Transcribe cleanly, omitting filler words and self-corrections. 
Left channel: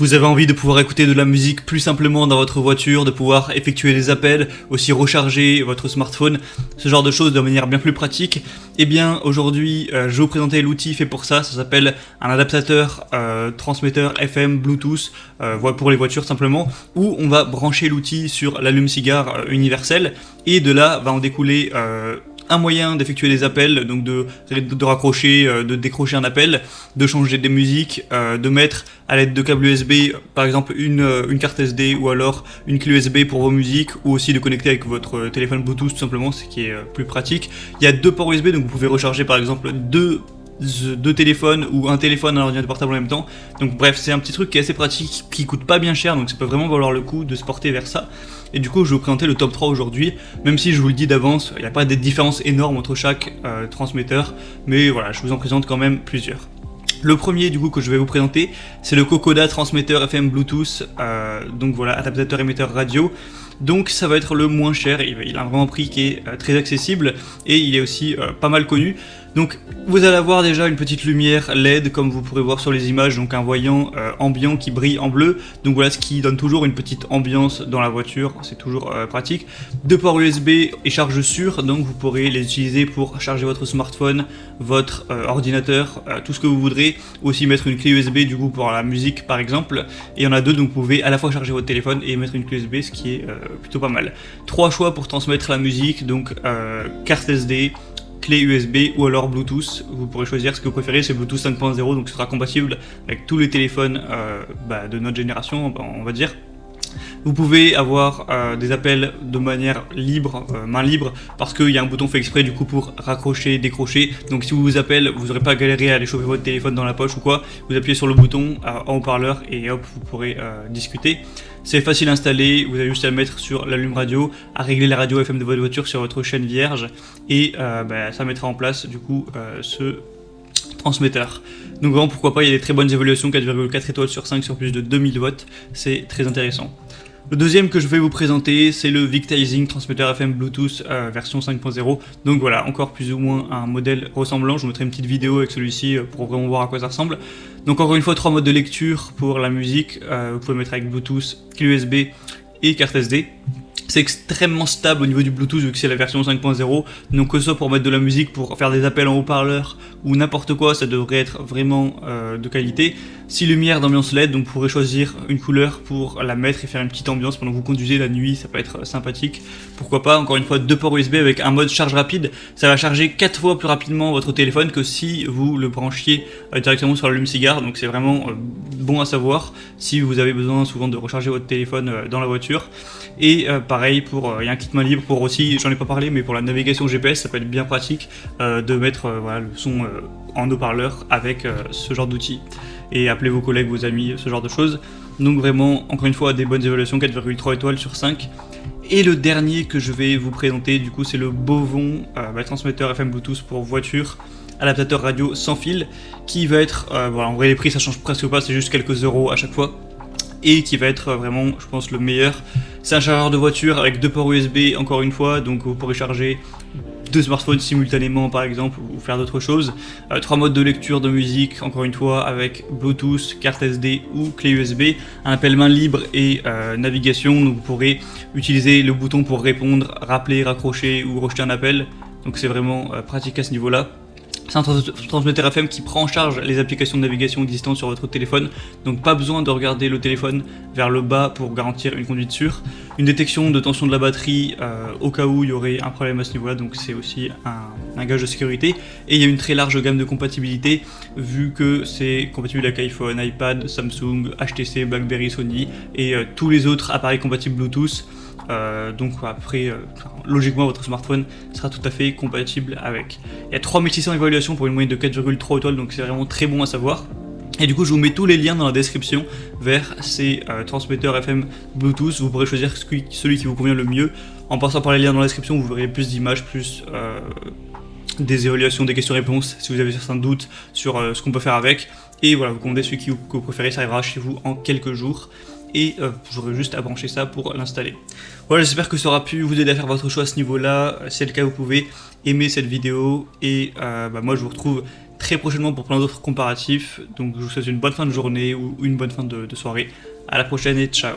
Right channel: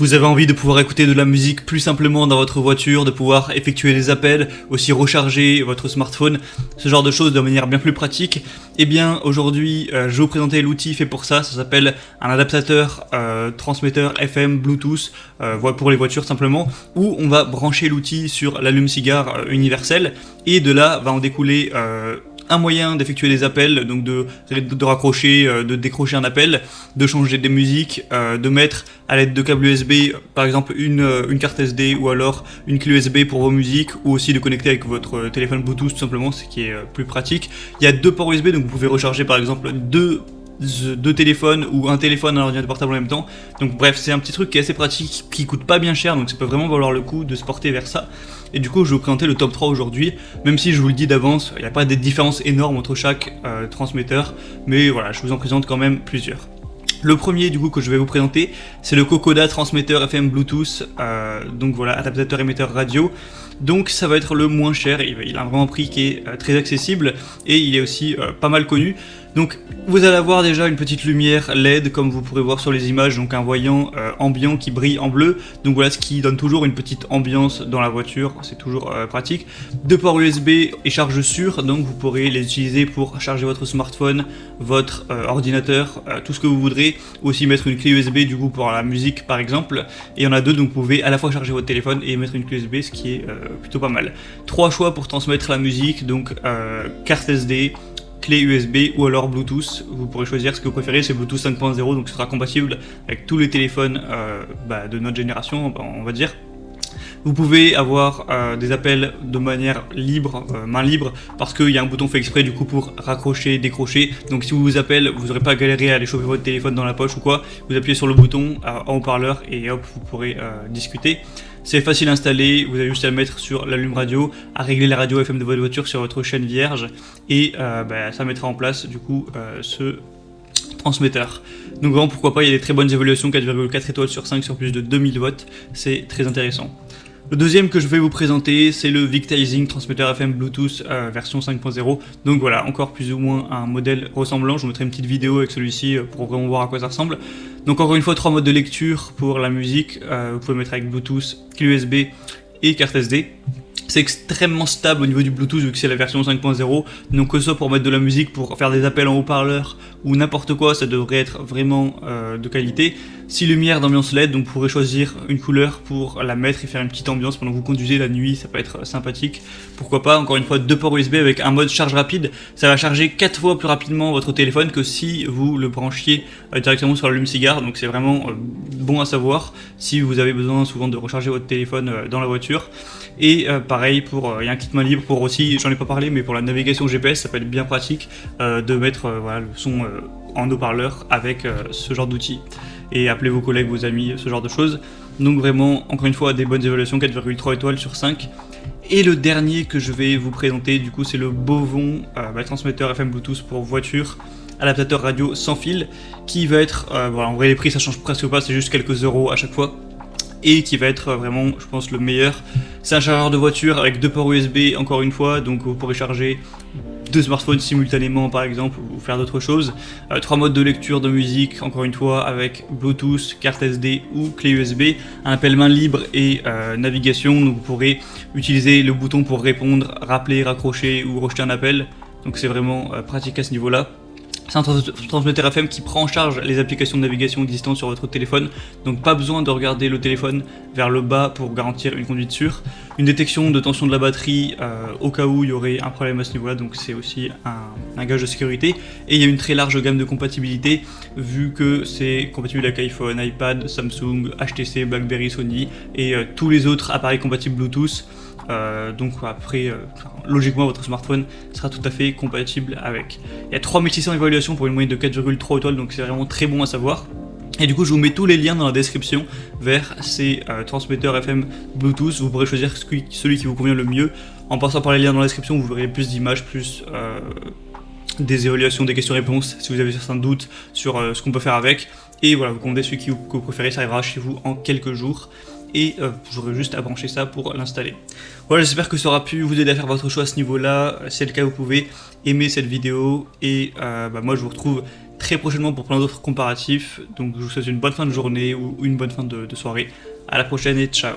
Vous avez envie de pouvoir écouter de la musique plus simplement dans votre voiture, de pouvoir effectuer des appels, aussi recharger votre smartphone, ce genre de choses de manière bien plus pratique. Eh bien aujourd'hui je vais vous présenter l'outil fait pour ça, ça s'appelle un adaptateur transmetteur FM Bluetooth pour les voitures simplement, où on va brancher l'outil sur l'allume-cigare universel et de là va en découler un moyen d'effectuer des appels, donc de raccrocher, de décrocher un appel, de changer des musiques, de mettre à l'aide de câbles USB, par exemple une carte SD ou alors une clé USB pour vos musiques, ou aussi de connecter avec votre téléphone Bluetooth tout simplement, ce qui est plus pratique. Il y a deux ports USB, donc vous pouvez recharger par exemple deux téléphones ou un téléphone et un ordinateur portable en même temps. Donc bref, c'est un petit truc qui est assez pratique, qui coûte pas bien cher, donc ça peut vraiment valoir le coup de se porter vers ça. Et du coup, je vais vous présenter le top 3 aujourd'hui, même si je vous le dis d'avance, il n'y a pas des différences énormes entre chaque transmetteur, mais voilà, je vous en présente quand même plusieurs. Le premier du coup que je vais vous présenter, c'est le Kokoda transmetteur FM Bluetooth, donc voilà, adaptateur émetteur radio. Donc ça va être le moins cher, il a vraiment un prix qui est très accessible et il est aussi pas mal connu. Donc vous allez avoir déjà une petite lumière LED comme vous pourrez voir sur les images, donc un voyant ambiant qui brille en bleu. Donc voilà, ce qui donne toujours une petite ambiance dans la voiture, c'est toujours pratique. Deux ports USB et charge sûre, donc vous pourrez les utiliser pour charger votre smartphone, votre ordinateur, tout ce que vous voudrez. Aussi mettre une clé USB du coup pour la musique par exemple. Et il y en a deux, donc vous pouvez à la fois charger votre téléphone et mettre une clé USB, ce qui est plutôt pas mal. Trois choix pour transmettre la musique, donc carte SD, clé USB ou alors Bluetooth. Vous pourrez choisir ce que vous préférez, c'est Bluetooth 5.0, donc ce sera compatible avec tous les téléphones de notre génération, on va dire. Vous pouvez avoir des appels de manière libre, main libre, parce qu'il y a un bouton fait exprès du coup pour raccrocher, décrocher. Donc si vous appelez, vous n'aurez pas galéré à aller choper votre téléphone dans la poche ou quoi. Vous appuyez sur le bouton en haut-parleur et hop, vous pourrez discuter. C'est facile à installer, vous avez juste à le mettre sur l'allume radio, à régler la radio FM de votre voiture sur votre chaîne vierge et ça mettra en place du coup ce transmetteur. Donc vraiment pourquoi pas, il y a des très bonnes évaluations, 4,4 étoiles sur 5 sur plus de 2000 watts, c'est très intéressant. Le deuxième que je vais vous présenter, c'est le Victizing transmetteur FM Bluetooth version 5.0. Donc voilà, encore plus ou moins un modèle ressemblant. Je vous mettrai une petite vidéo avec celui-ci pour vraiment voir à quoi ça ressemble. Donc encore une fois, trois modes de lecture pour la musique. Vous pouvez mettre avec Bluetooth, clé USB et carte SD. C'est extrêmement stable au niveau du Bluetooth vu que c'est la version 5.0. Donc que ce soit pour mettre de la musique, pour faire des appels en haut-parleur ou n'importe quoi, ça devrait être vraiment de qualité. 6 lumières d'ambiance LED, donc vous pourrez choisir une couleur pour la mettre et faire une petite ambiance pendant que vous conduisez la nuit, ça peut être sympathique. Pourquoi pas, encore une fois, deux ports USB avec un mode charge rapide. Ça va charger 4 fois plus rapidement votre téléphone que si vous le branchiez directement sur l'allume-cigare. Donc c'est vraiment bon à savoir si vous avez besoin souvent de recharger votre téléphone dans la voiture. Et pareil, il y a un kit main libre pour aussi, j'en ai pas parlé, mais pour la navigation GPS, ça peut être bien pratique de mettre voilà, le son en haut-parleur avec ce genre d'outil. Et appelez vos collègues, vos amis, ce genre de choses. Donc vraiment, encore une fois, des bonnes évaluations, 4,3 étoiles sur 5. Et le dernier que je vais vous présenter, du coup, c'est le Bovon transmetteur FM Bluetooth pour voiture, adaptateur radio sans fil, qui va être, voilà, en vrai les prix ça change presque pas, c'est juste quelques euros à chaque fois. Et qui va être vraiment, je pense, le meilleur. C'est un chargeur de voiture avec deux ports USB, encore une fois, donc vous pourrez charger deux smartphones simultanément par exemple, ou faire d'autres choses. Trois modes de lecture de musique, encore une fois, avec Bluetooth, carte SD ou clé USB. Un appel main libre et navigation, donc vous pourrez utiliser le bouton pour répondre, rappeler, raccrocher ou rejeter un appel. Donc c'est vraiment pratique à ce niveau-là. C'est un transmetteur FM qui prend en charge les applications de navigation existantes sur votre téléphone, donc pas besoin de regarder le téléphone vers le bas pour garantir une conduite sûre. Une détection de tension de la batterie au cas où il y aurait un problème à ce niveau-là, donc c'est aussi un gage de sécurité. Et il y a une très large gamme de compatibilité, vu que c'est compatible avec iPhone, iPad, Samsung, HTC, BlackBerry, Sony et tous les autres appareils compatibles Bluetooth. Donc à peu près... logiquement votre smartphone sera tout à fait compatible avec. Il y a 3600 évaluations pour une moyenne de 4,3 étoiles, donc c'est vraiment très bon à savoir. Et du coup je vous mets tous les liens dans la description vers ces transmetteurs FM Bluetooth. Vous pourrez choisir celui qui vous convient le mieux. En passant par les liens dans la description, vous aurez plus d'images, plus des évaluations, des questions-réponses si vous avez certains doutes sur ce qu'on peut faire avec. Et voilà, vous commandez celui que vous préférez, ça arrivera chez vous en quelques jours. Et j'aurai juste à brancher ça pour l'installer. Voilà, j'espère que ça aura pu vous aider à faire votre choix à ce niveau-là. Si c'est le cas, vous pouvez aimer cette vidéo. Et moi, je vous retrouve très prochainement pour plein d'autres comparatifs. Donc je vous souhaite une bonne fin de journée ou une bonne fin de soirée. À la prochaine et ciao.